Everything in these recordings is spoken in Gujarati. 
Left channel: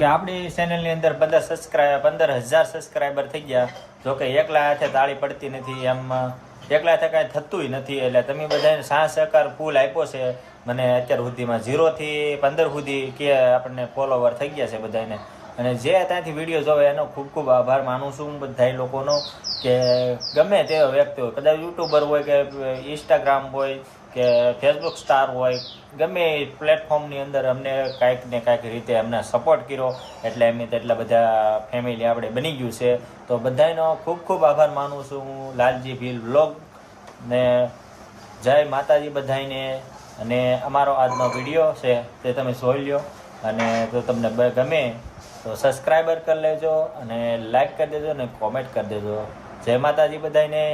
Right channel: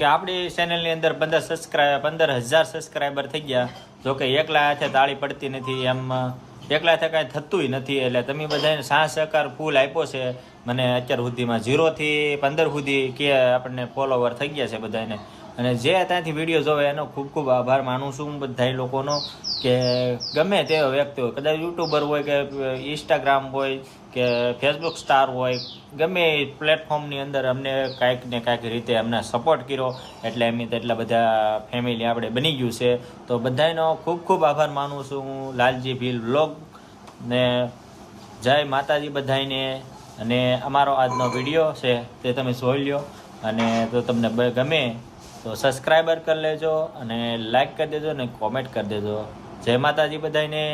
કે આપણી ચેનલની અંદર 15,000 સબસ્ક્રાઈબર થઈ ગયા. જો કે એકલા હાથે તાળી પડતી નથી, એમ એકલા હાથે કાંઈ થતું નથી. એટલે તમે બધાને સાથ સહકાર ફૂલ આપ્યો છે મને. અત્યાર સુધીમાં 0 થી 15 સુધી કે આપણને ફોલોવર થઈ ગયા છે બધાને. અને જે ત્યાંથી વિડીયો જોવે એનો ખૂબ ખૂબ આભાર માનું છું બધા લોકોનો. કે ગમે તેવો વ્યક્તિ હોય, કદાચ યુટ્યુબર હોય કે ઇન્સ્ટાગ્રામ હોય કે ફેસબુક સ્ટાર હોય, ગમે પ્લેટફોર્મની અંદર અમને કાંઈક ને કાંઈક રીતે અમને સપોર્ટ કર્યો. એટલે એમ એટલા બધા ફેમિલી આપણે બની ગયું છે. તો બધાનો ખૂબ ખૂબ આભાર માનું છું હું. લાલજી ભીલ વ્લોગ ને જય માતાજી બધાને. અને અમારો આજનો વિડીયો છે તે તમે જોઈ લો. અને જો તમને ગમે તો સબસ્ક્રાઈબર કરી લેજો અને લાઈક કરી દેજો અને કોમેન્ટ કરી દેજો. જય માતાજી બધાને.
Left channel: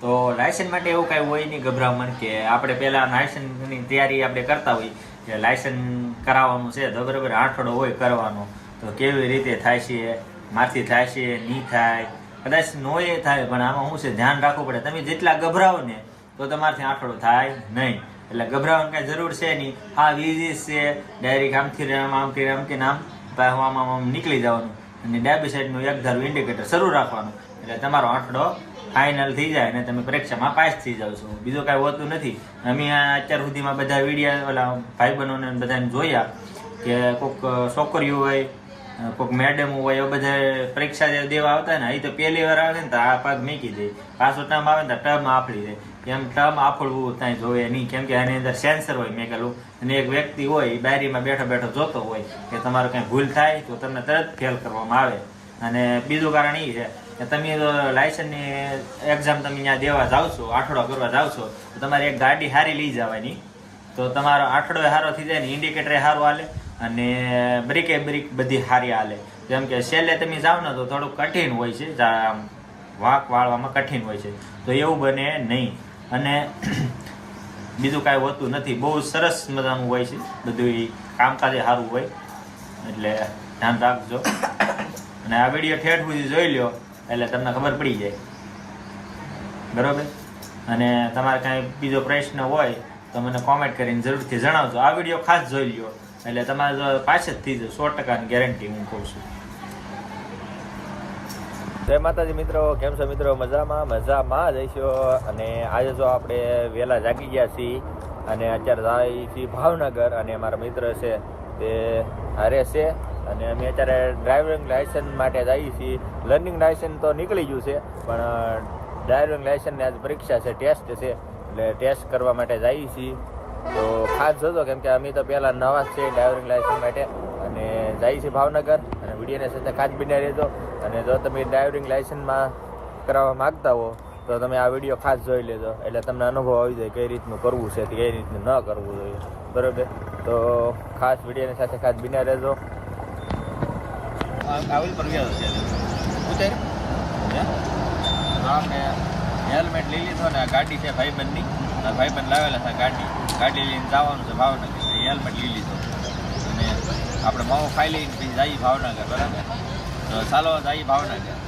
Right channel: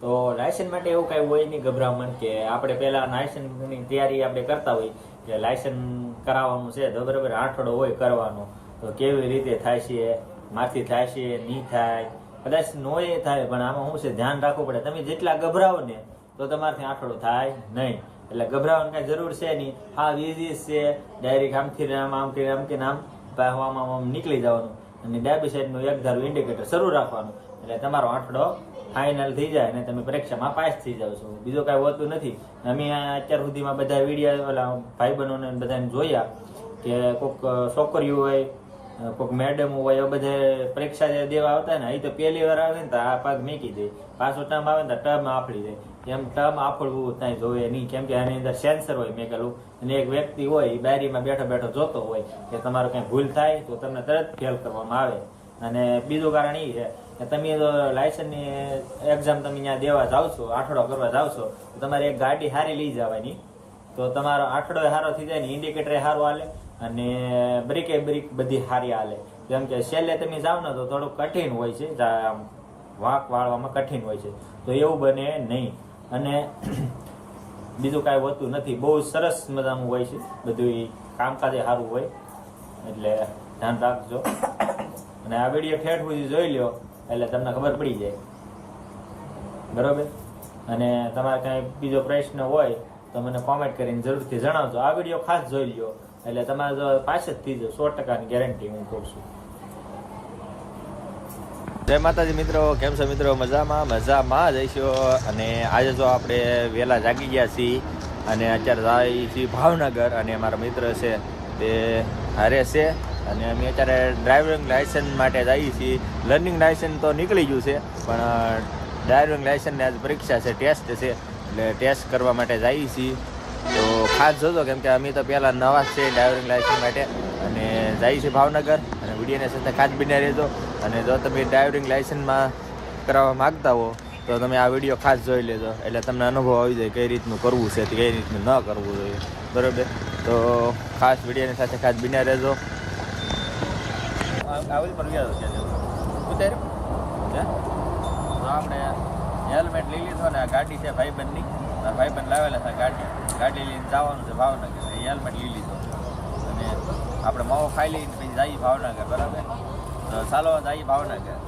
તો લાયસન્સ માટે એવું કાંઈ હોય નહીં ગભરામણ, કે આપણે પહેલાં લાયસન્સની તૈયારી આપણે કરતા હોય કે લાયસન્સ કરાવવાનું છે તો બરાબર આઠડો હોય કરવાનો. તો કેવી રીતે થાય છે, માથી થાય છે નહીં થાય, કદાચ નોએ થાય, પણ આમાં શું છે ધ્યાન રાખવું પડે. તમે જેટલા ગભરાવો ને તો તમારાથી આઠડો થાય નહીં. એટલે ગભરાવાની કાંઈ જરૂર છે નહીં. હા વીઝીસ છે, ડાયરેક્ટ આમથી આમથી આમ નીકળી જવાનું અને ડાબી સાઈડનું એક ધારું ઇન્ડિકેટર શરૂ રાખવાનું. એટલે તમારો આંકડો ફાઇનલ થઈ જાય અને તમે પરીક્ષામાં પાસ થઈ જાવ છો. બીજું કાંઈ હોતું નથી. અમે અત્યાર સુધીમાં બધા વિડીયો ઓલા ભાઈબંધોને બધાને જોયા કે કોઈક છોકરીઓ હોય, કોઈક મેડમ હોય, એ બધા પરીક્ષા દેવા આવતા ને, એ તો પહેલી વાર આવે ને તો આ પગ મૂકી દે, પાછો ટર્મ આવે ને તો ટર્મ આફળી દે. એમ ટર્મ આફળવું ત્યાં જોવે નહીં, કેમ કે આની અંદર સેન્સર હોય મેકેલું. અને એક વ્યક્તિ હોય એ બારીમાં બેઠો બેઠો જોતો હોય કે તમારો કંઈ ભૂલ થાય તો તમને તરત ફેલ કરવામાં આવે. અને બીજું કારણ એ છે કે તમે લાયસન્સની એક્ઝામ તમે ત્યાં દેવા જાઓ છો, આઠડો કરવા જાઓ છો, તો તમારે એક ગાડી સારી લઈ જવાની. તો તમારો આઠડો સારો થઈ જાય ને, ઇન્ડિકેટર સારું હાલે અને બ્રેક બધી સારી હાલે. જેમ કે છેલ્લે તમે જાઓ ને તો થોડુંક કઠિન હોય છે, વાંક વાળવામાં કઠિન હોય છે. તો એવું બને નહીં. અને બીજું કાંઈ હોતું નથી. બહુ સરસ મજાનું હોય છે બધું, કામકાજ સારું હોય. એટલે ધ્યાન રાખજો અને આ વિડીયો ઠેઠ સુધી જોઈ લો એટલે તમને ખબર પડી જાય, બરાબર. અને તમારે કાંઈ બીજો પ્રશ્ન હોય તો મને કોમેન્ટ કરીને જરૂરથી જણાવજો. આ વિડીયો ખાસ જોઈ લો એટલે તમારે જો પાસ જ થઈ જાય 100% ગેરંટી હું કહું છું. જય માતાજી મિત્રો, કેમ છો મિત્રો? મજામાં જઈશું. અને આજે જો આપણે વહેલા જાગી ગયા છીએ અને અત્યારે જઈએ છીએ ભાવનગર. અને અમારા મિત્ર છે તે હારે છે અને અમે અત્યારે ડ્રાઇવિંગ લાયસન્સ માટે જઈએ છીએ. લર્નિંગ લાયસન્સ તો નીકળી ગયું છે, પણ ડ્રાઇવિંગ લાયસન્સની આજે પરીક્ષા છે, ટેસ્ટ છે. એટલે ટેસ્ટ કરવા માટે જઈએ છીએ. તો ખાસ જોજો, કેમ કે અમે તો પહેલાં નવા છે ડ્રાઇવિંગ લાયસન્સ માટે. અને જઈએ છીએ ભાવનગર. અને વિડીયોની સાથે ખાસ બન્યા રહેજો. અને જો તમે ડ્રાઇવિંગ લાયસન્સમાં કરાવવા માગતા હો તો તમે આ વિડીયો ખાસ જોઈ લેજો, એટલે તમને અનુભવ આવી જાય કઈ રીતનું કરવું છે, કઈ રીતનું ન કરવું જોઈએ, બરાબર. તો ખાસ વિડીયોની સાથે ખાસ બન્યા રહેજો. આવેલ પર ગયા છે ઉતાર આપણે હેલ્મેટ લઈ લીધો ને. આ ગાડી છે ભાઈબંધની, ભાઈબંધ લાવેલા છે ગાડી લઈને જવાનું છે ભાવનગર. હેલ્મેટ લઈ લીધો અને આપણે માવો ખાઈ લઈને પછી જઈએ ભાવનગર, બરાબર. તો ચાલો જઈએ ભાવનગર.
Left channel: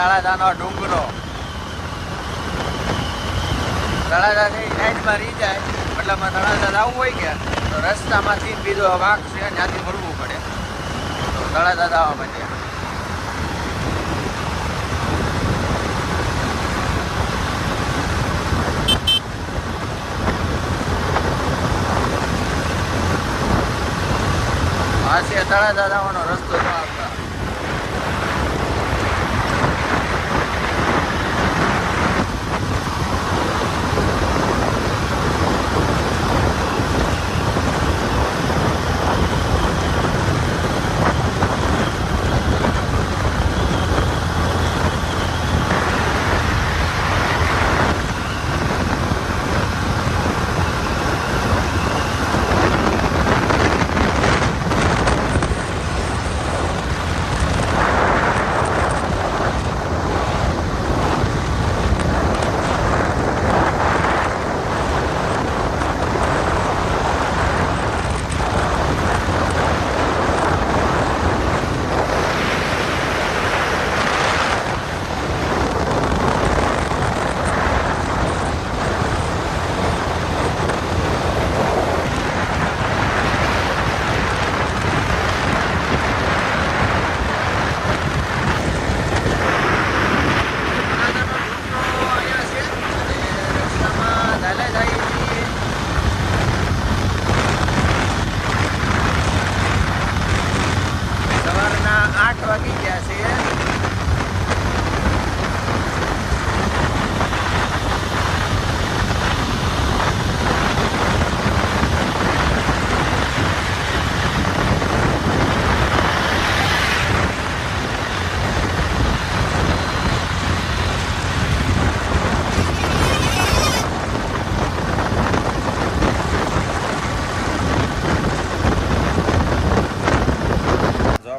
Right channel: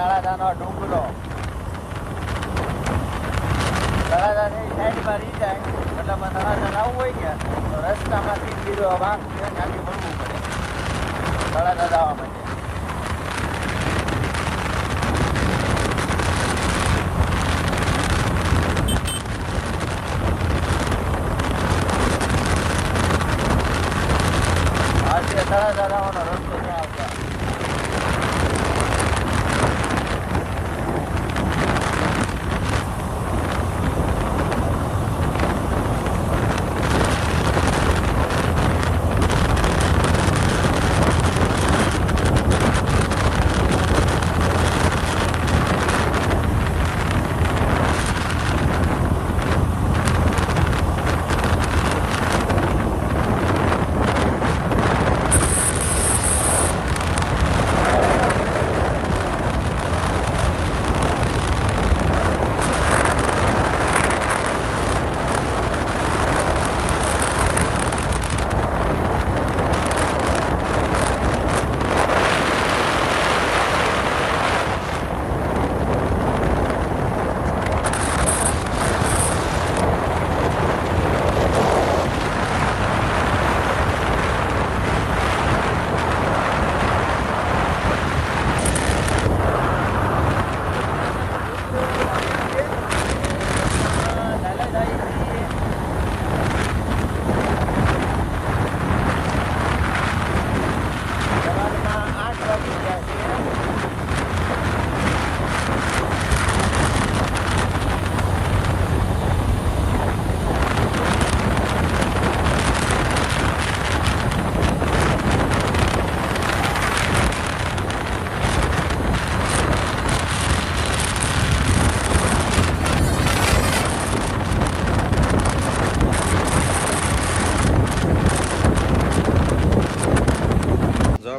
તળાજાનો ડુંગરો. તળાજા છે એ સાઈડમાં રહી જાય, મતલબ તળાજા જવું હોય કે તો રસ્તામાંથી બીજો વાંક છે ત્યાંથી વળવું પડે તળાજા જવા માટે. આ છે તળાજા જવાનો રસ્તો જો આવતા.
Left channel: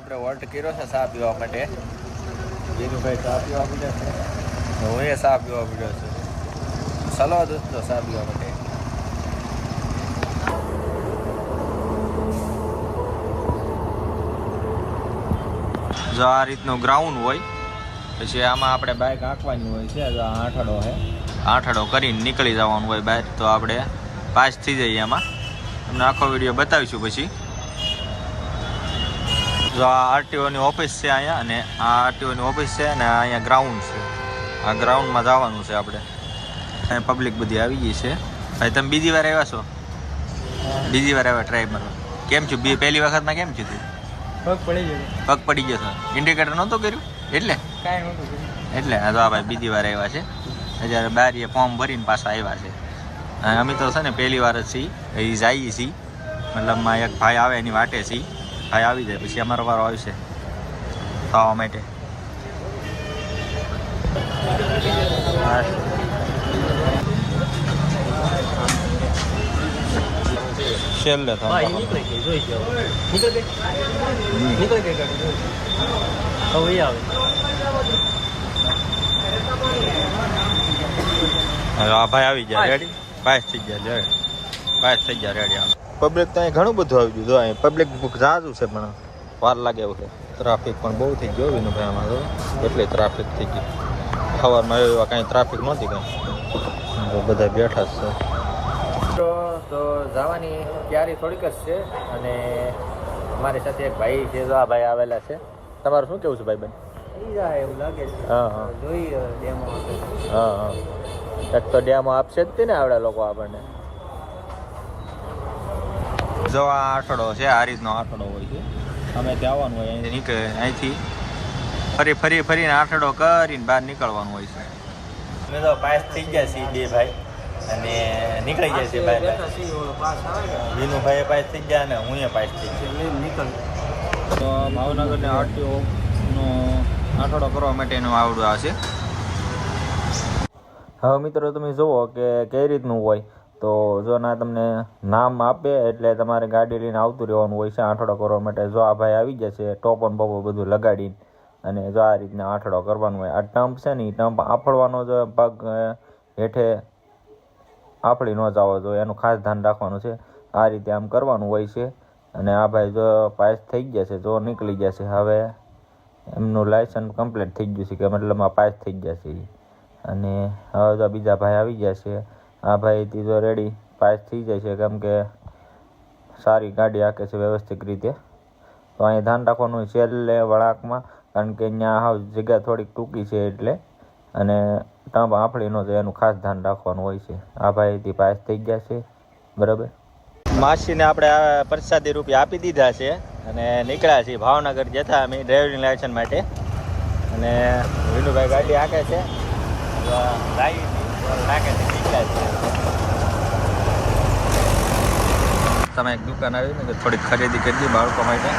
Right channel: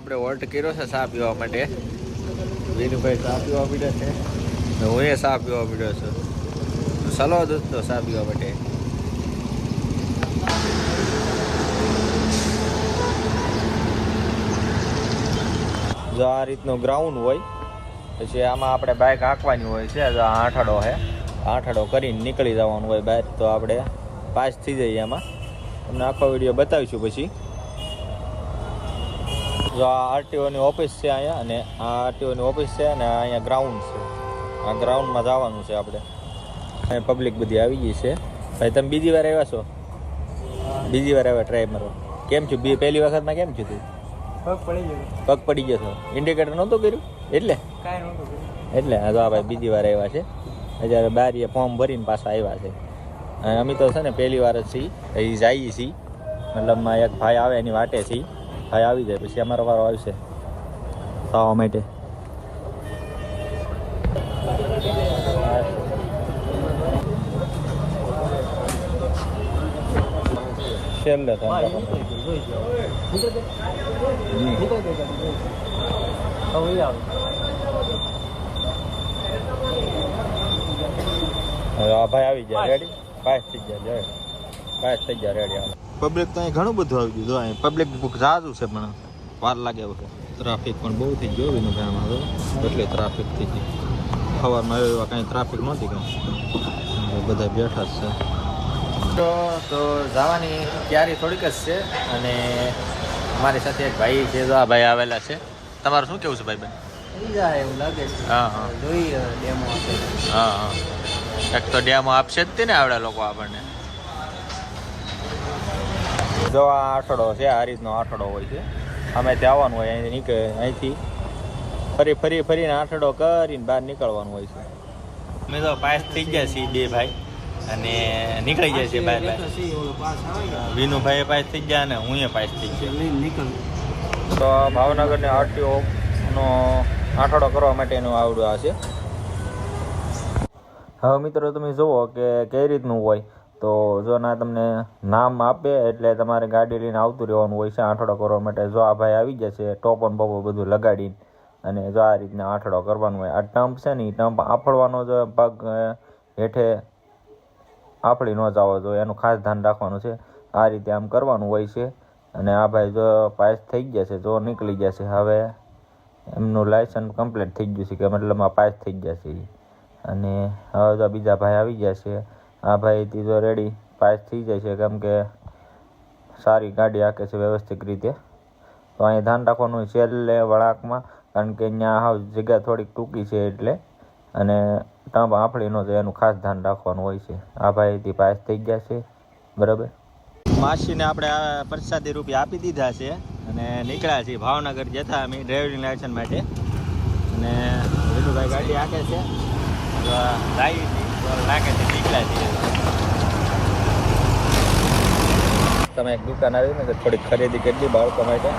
આપણે વોલ્ટ કર્યો છે ચા પીવા માટે. વિનુભાઈ ચા પીવા પીડ્યા છે, હું એ ચા પીવા પીડ્યો છું. સલવા દૂધનો ચા પીવા માટે. જો આ રીતનું ગ્રાઉન્ડ હોય, પછી આમાં આપણે બાઇક હાંકવાની હોય છે. જો આઠડો છે, આઠડો કરીને નીકળી જવાનું હોય બહાર, તો આપણે પાસ થઈ જઈએ એમાં. તમને આખો વિડીયો બતાવીશું પછી. જો આ આરટીઓની ઓફિસ છે અહીંયા, અને આ આરટીઓની ઓફિસ છે, અને અહીંયા ગ્રાઉન્ડ છે. આ ગ્રાઉન્ડમાં જવાનું છે આપણે. અહીંયા પબ્લિક બધી આવી ગઈ છે. ભાઈ તમે બીજી વાર આવ્યા છો? બીજી વાર આવ્યા ટ્રાય મારવા? કેમ છું? પહેલી વખતમાં કેમ છું તું? પગ પડી ગયો હતો. ઇન્ડિકેટર નહોતું કર્યું એટલે? એટલે હા. તો આ ભાઈ બીજી વાર આવ્યા છે. અત્યારે બારીએ ફોર્મ ભરીને પાછા આવ્યા છે. અમે તો છે ને પહેલી વાર જ છીએ, એ જઈએ છીએ. મતલબમાં એક ભાઈ આવે એની વાટે છીએ. ભાઈ આવી જાય પછી અમારો વારો આવશે ખાવા માટે. છેલ્લે હવે આ ભાઈ આવી ગયા રેડી. પાસ થઈ ગયા પાસ થઈ ગયા રેડી. પબ્લિક તો અહીં ઘણું બધું આવી ગયું. અહીં પબ્લિક ઝાઝું છે, પણ વાર લાગે એવું છે. ટ્રાફિક પણ બહુ થઈ ગયો વિનુભાઈમાં તો, એટલે ટ્રાફિક થઈ ગઈ. સવારમાં એવા કાંઈ ટ્રાફિક નહોતી કાંઈ, બધા બેઠા જ છે. તો જવાની તૈયારી થોડીક જ છે, અને અમારી સાથે એક ભાઈ છે. આ ભાઈ આવેલા છે. તમારું શું કેવું છે ભાઈ બેન? હા હા હા હા. એક તો ડેમો આપશે જ તે ને આવડે લોકો આપણને. જો આ આઠડો છે, આ રીતનો આઠડો હોય છે. અમે ત્યાં આવવાનું હોય, અહીંથી નીકળે, અહીંથી ફરીને આઠડો કરીને બહાર નીકળવાનું હોય છે. અમે તો પાસ થઈ ગયા છીએ બે ભાઈ, અને નીકળી જાય છે ભાઈ. વિનુભાઈ પાસ થઈ ગયા અને હું પાસ થઈ ગયો. તો ભાવનગરને આરટીઓનો આઠડો કરવા માટેનું આવડું આ છે. હવે મિત્રો તમે જુઓ કે કઈ રીતનું હોય. તો જો ના તમને નામ આપે એટલે તમારે ગાડી લઈને આવતું રહેવાનું હોય છે આઠડો કરવા માટે. જો આ ભાઈ આવી ગયા છે ટોપન બોપો બધું લગાડીને, અને જો આ રીતના આઠડો કરવાનું હોય. આ ટમ્પ છે ને, એ ટમ્પ આફળવાનો જો પગ હેઠે આફળી ન જાવો જોઈએ, એનું ખાસ ધ્યાન રાખવાનું છે. આ રીતે આમ કરવાનું હોય છે. અને આ ભાઈ જો પાસ થઈ ગયા છે, જો નીકળી ગયા છે. હવે એમનું લાયસન્સ કમ્પ્લીટ થઈ ગયું છે, કે મતલબમાં પાસ થઈ ગયા છે. અને હવે તો બીજા ભાઈ આવી ગયા છે. આ ભાઈ તો રેડી પાસ થઈ જાય છે, કેમ કે સારી ગાડી હાકે છે વ્યવસ્થિત રીતે. તો અહીંયા ધ્યાન રાખવાનું છેલ્લે વળાંકમાં, કારણ કે અહીંયા હાવ જગ્યા થોડીક ટૂંકી છે એટલે, અને ટંપ આફળી ન જાય એનું ખાસ ધ્યાન રાખવાનું હોય છે. આ ભાઈથી પાસ થઈ ગયા છે બરાબર. માસીને આપણે પ્રસાદી રૂપિયા આપી દીધા છે અને નીકળ્યા છીએ ભાવનગર જતા અમે ડ્રાઇવિંગ લાયસન્સ માટે. અને વિનુભાઈ ગાડી હાકે છે, તમે એક દુકાન આવી ને થોડીક ખરીદી કરી દી બાળકો માટે.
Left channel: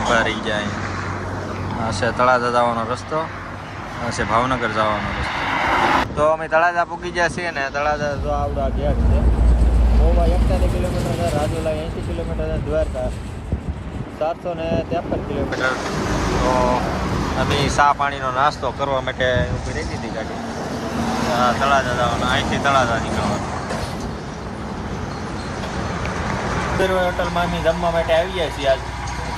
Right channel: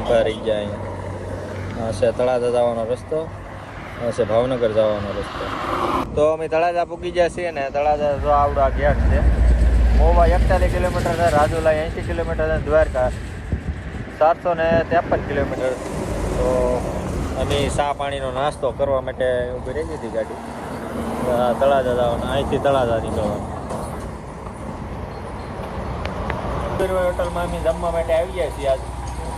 ઉભા રહી ગયા અહીંયા. હશે તળાજા જવાનો રસ્તો, હશે ભાવનગર જવાનો રસ્તો. તો અમે તળાજા પૂગી ગયા છીએ ને. તળાજા જો આવડા ગેટ છે. મોવા 41 કિલોમીટર છે, રાજુલા 80 કિલોમીટર છે, દ્વારકા 453 કિલોમીટર. તો અમે ચા પાણીનો નાસ્તો કરવા માટે ઊભી રહી હતી ગાડી. તળાજા જવાનું, અહીંથી તળાજા નીકળવાનું. હોટલમાં અમે જમવા માટે આવી ગયા છીએ આજ,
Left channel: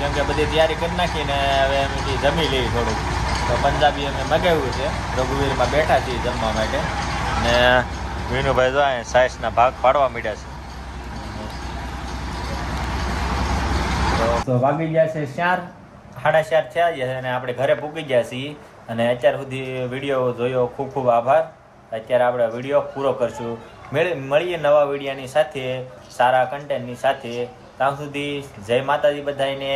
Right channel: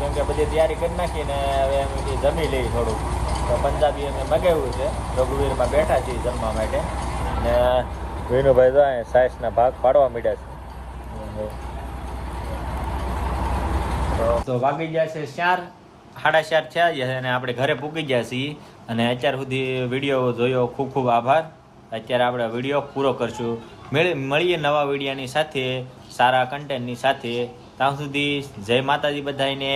કેમ કે બધી તૈયારી કરી નાખીને હવે અમે જમી લઈએ થોડુંક. તો પંજાબી અમે મગાવ્યું છે, રઘુવીરમાં બેઠા છીએ જમવા માટે. ને વિનુભાઈ જો અહીંયા સાઈઝના ભાગ પાડવા માંડ્યા છે. તો વાગી ગયા છે 4, 4:30 થયા છે અને આપણે ઘરે પૂકી ગયા છીએ. અને અત્યાર સુધી વિડીયો જોયો ખૂબ ખૂબ આભાર. અત્યારે આપણે વિડીયો પૂરો કરશું. મળીએ નવા વિડીયોની સાથે, સારા કન્ટેન્ટની સાથે. ત્યાં સુધી જય માતાજી બધાને.